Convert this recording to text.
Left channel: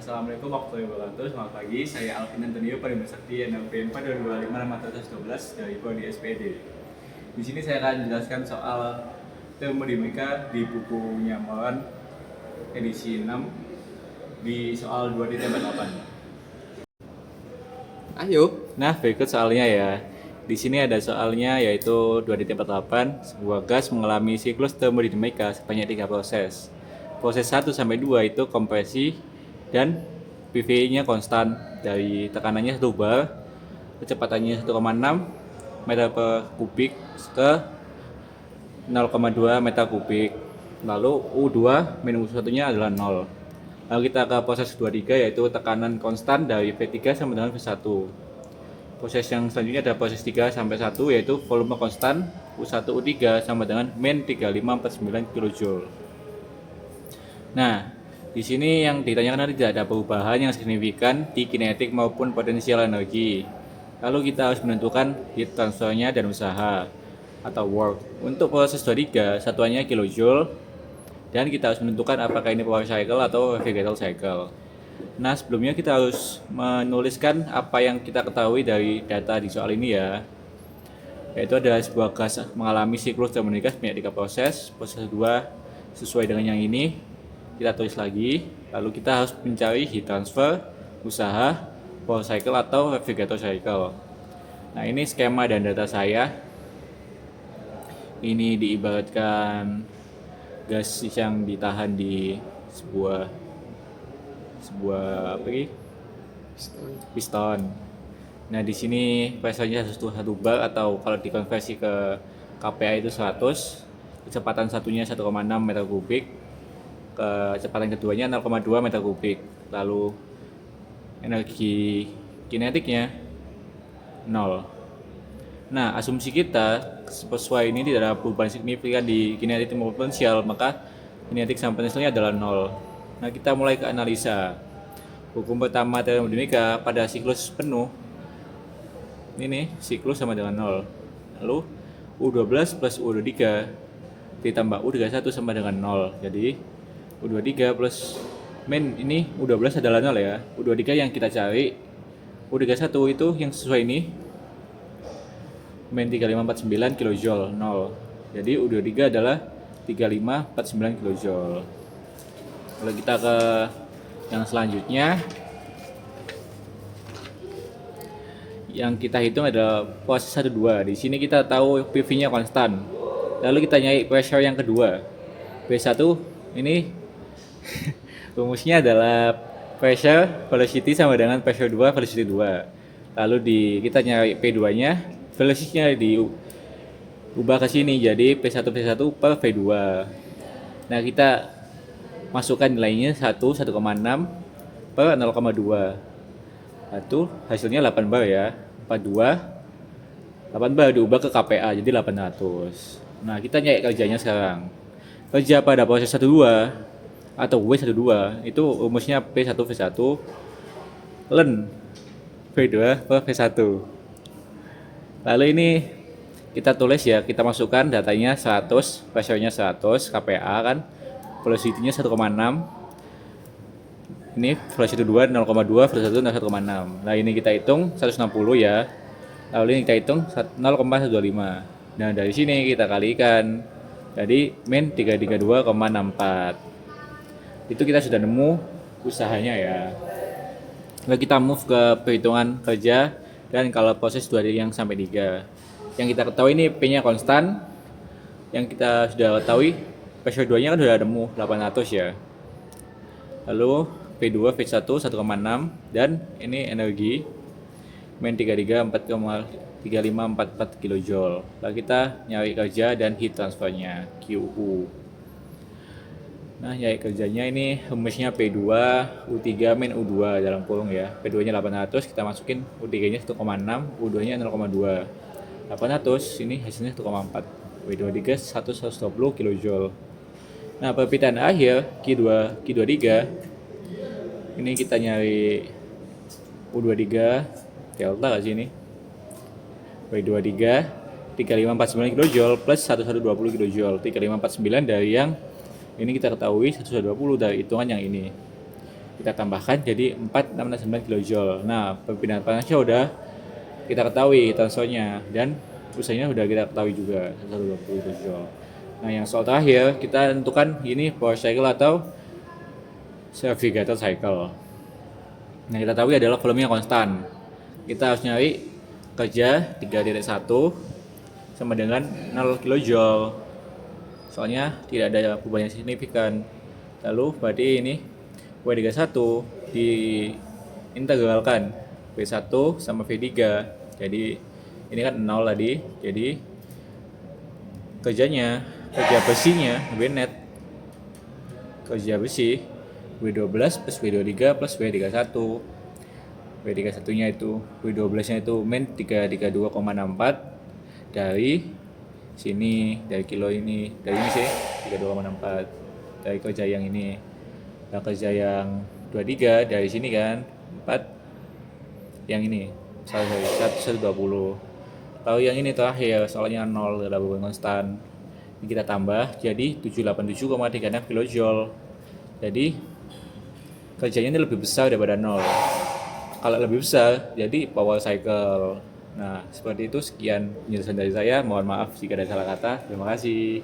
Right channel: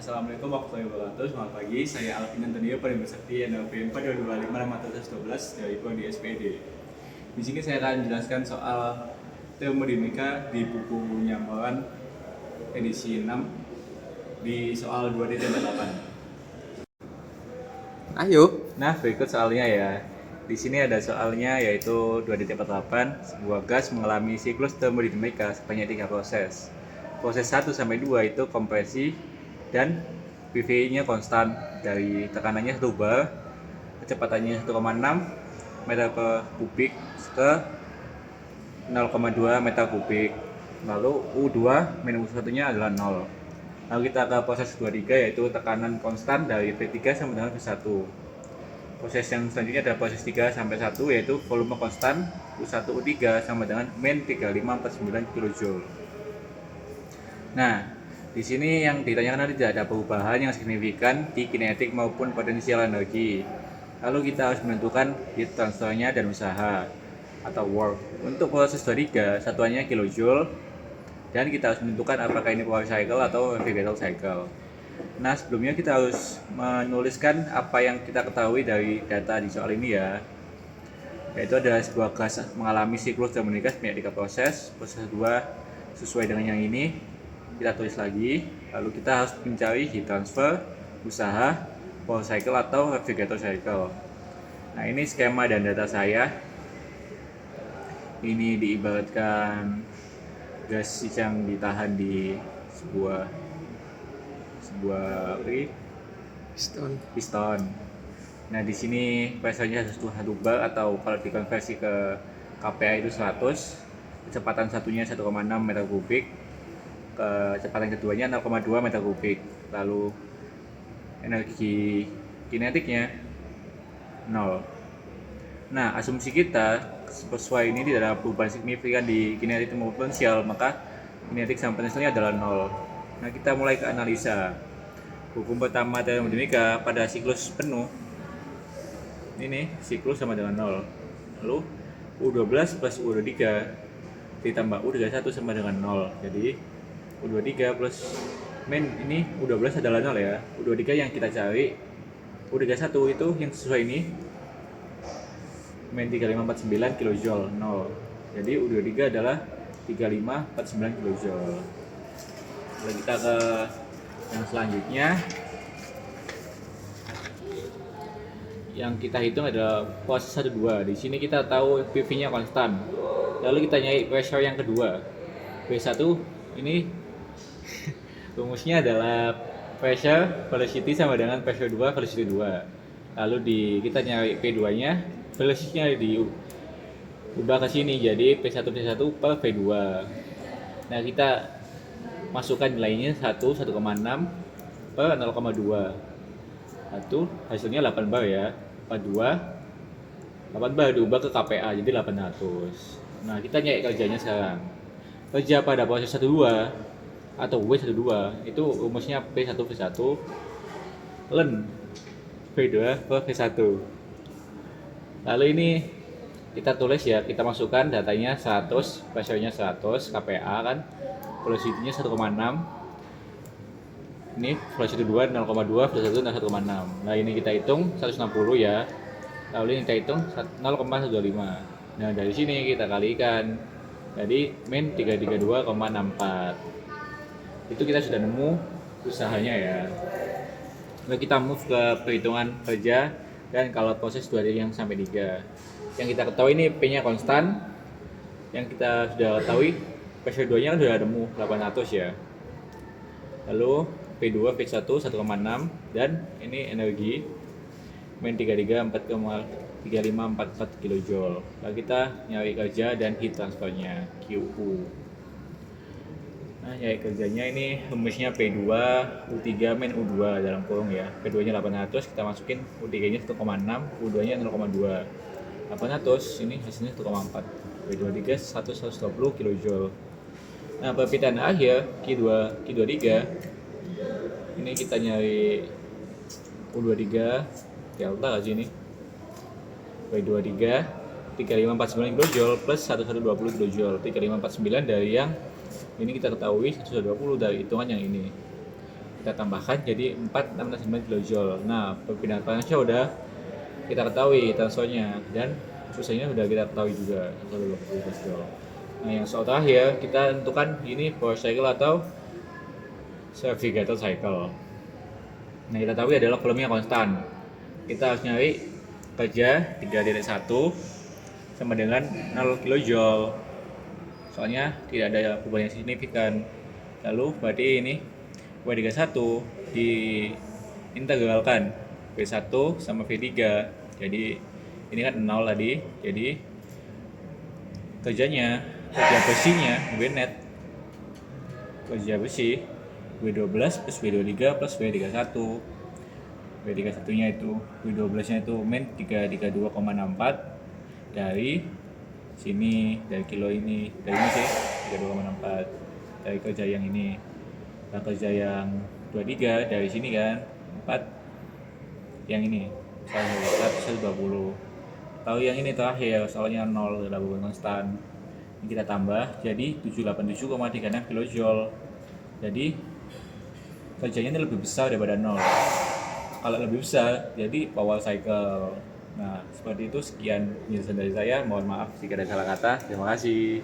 Assalamualaikum warahmatullahi wabarakatuh. Selamat pagi, saya Alvin Antonio Pariman Sakti NLP 4255612 dari Prodi SPD. Di sini saya akan menjelaskan soal termodinamika di buku Nyamoran edisi 6 di soal 2.48. Ayo. Nah, berikut soalnya ya. Di sini ada soalnya yaitu 2.48, sebuah gas mengalami siklus termodinamika sebanyak 3 proses. Proses 1 sampai 2 itu kompresi dan PV-nya konstan dari tekanannya 1 bar, kecepatannya 1,6 meter per kubik ke 0,2 meter kubik. Lalu U2 minus U1-nya adalah 0. Lalu kita ke proses 23 yaitu tekanan konstan dari V3 sama dengan V1. Proses yang selanjutnya ada proses 3 sampai 1 yaitu volume konstan U1 U3 sama dengan min 3549 kJ. Nah, di sini yang ditanyakan tidak ada perubahan yang signifikan di kinetik maupun potensial energi. Lalu kita harus menentukan heat transfernya dan usaha atau work. Untuk proses 23 satuannya kilojoule dan kita harus menentukan apakah ini power cycle atau refrigerator cycle. Nah, sebelumnya kita harus menuliskan apa yang kita ketahui dari data di soal ini ya. Yaitu ada sebuah gas mengalami siklus termodinamika sebanyak 3 proses. Proses 2 sesuai dengan yang ini. Kita tulis lagi. Lalu kita harus mencari heat transfer, usaha, power cycle atau refrigerator cycle. Nah, ini skema dan data saya. Ini diibaratkan gas yang ditahan di sebuah piston. Nah, di sini pressure-nya 1 bar atau kalau dikonversi ke kPa itu 100, kecepatan satunya 1,6 meter kubik, kecepatan keduanya 0,2 meter kubik. Lalu energi kinetiknya 0. Nah, asumsi kita sesuai ini tidak ada perubahan signifikan di kinetik maupun potensial, maka kinetik sama potensialnya adalah 0. Nah, kita mulai ke analisa. Hukum pertama termodinamika pada siklus penuh. Ini siklus sama dengan 0. Lalu U12 plus U23 ditambah U31 sama dengan 0. Jadi U23 plus min ini U12 adalah 0 ya. U23 yang kita cari. U31 itu yang sesuai ini min 3549 kJ 0. Jadi U23 adalah 3549 kJ. Lalu kita ke yang selanjutnya, yang kita hitung adalah proses 1-2. Di sini kita tahu PV-nya konstan. Lalu kita nyari pressure yang kedua. P1 ini rumusnya adalah pressure velocity sama dengan pressure 2 velocity 2. Lalu kita nyari P2-nya, velocity-nya diubah ke sini jadi P1 per V2. Nah, kita masukkan nilainya 1,6 per 0,2. Itu hasilnya 8 bar ya. 8 bar diubah ke kPa jadi 800. Nah, kita nyari kerjanya sekarang. Kerja pada proses 1-2 atau W12 itu rumusnya P1 V1 ln V2 per V1. Lalu ini kita tulis ya, kita masukkan datanya 100, pressure-nya 100, kPa kan, velocity-nya 1,6. Ini velocity 2 0,2, velocity 1,6. Nah, ini kita hitung 160 ya. Lalu ini kita hitung 0,125. Nah, dari sini kita kalikan. Jadi min 332,64. Itu kita sudah nemu usahanya ya. Lalu kita move ke perhitungan kerja dan kalau proses 2 yang sampai 3. Yang kita ketahui ini P-nya konstan. Yang kita sudah ketahui pressure 2-nya kan sudah nemu 800 ya. Lalu P2 V1 1,6 dan ini energi min 3544 kJ. Lalu kita nyari kerja dan heat transfernya QU. Nah, nyari kerjanya ini rumusnya P2 U3 min U2 dalam kurung ya. P2-nya 800, kita masukin U3-nya 1,6, U2-nya 0,2. 800 ini hasilnya 1,4. P23 120 kJ. Nah, perpindahan akhir Q23 ini kita nyari U23 delta ke sini. W23 3549 kJ plus 1120 kJ. 3549 dari yang ini kita ketahui 120 dari hitungan yang ini. kita tambahkan jadi 4,669 kilojoule. Nah, perpindahan panasnya udah kita ketahui transfernya, dan susahnya udah kita ketahui juga 120 kilojoule. Nah, yang soal terakhir kita tentukan ini power cycle atau self-regulated cycle. Nah, kita tahu adalah volumenya konstan. Kita harus nyari kerja 3,1 sama dengan 0 kilojoule. Soalnya tidak ada perubahan yang signifikan. Lalu berarti ini W31 diintegralkan V1 sama V3. Jadi ini kan 0 tadi. Jadi kerja besinya W net, kerja besi W12 plus W23 plus W31. W31 nya itu, W12 nya itu min 332,64 dari sini, dari kilo ini, dari ini sih 32,64 dari kerja yang ini. Nah, kerja yang 23 dari sini kan 4 yang ini 120. Tahu yang ini terakhir soalnya 0 adalah beban konstan. Ini kita tambah jadi 787,36 kilojoule. Jadi kerjanya ini lebih besar daripada 0. Kalau lebih besar jadi power cycle. Nah, seperti itu. Sekian penjelasan dari saya. Mohon maaf jika ada salah kata. Terima kasih.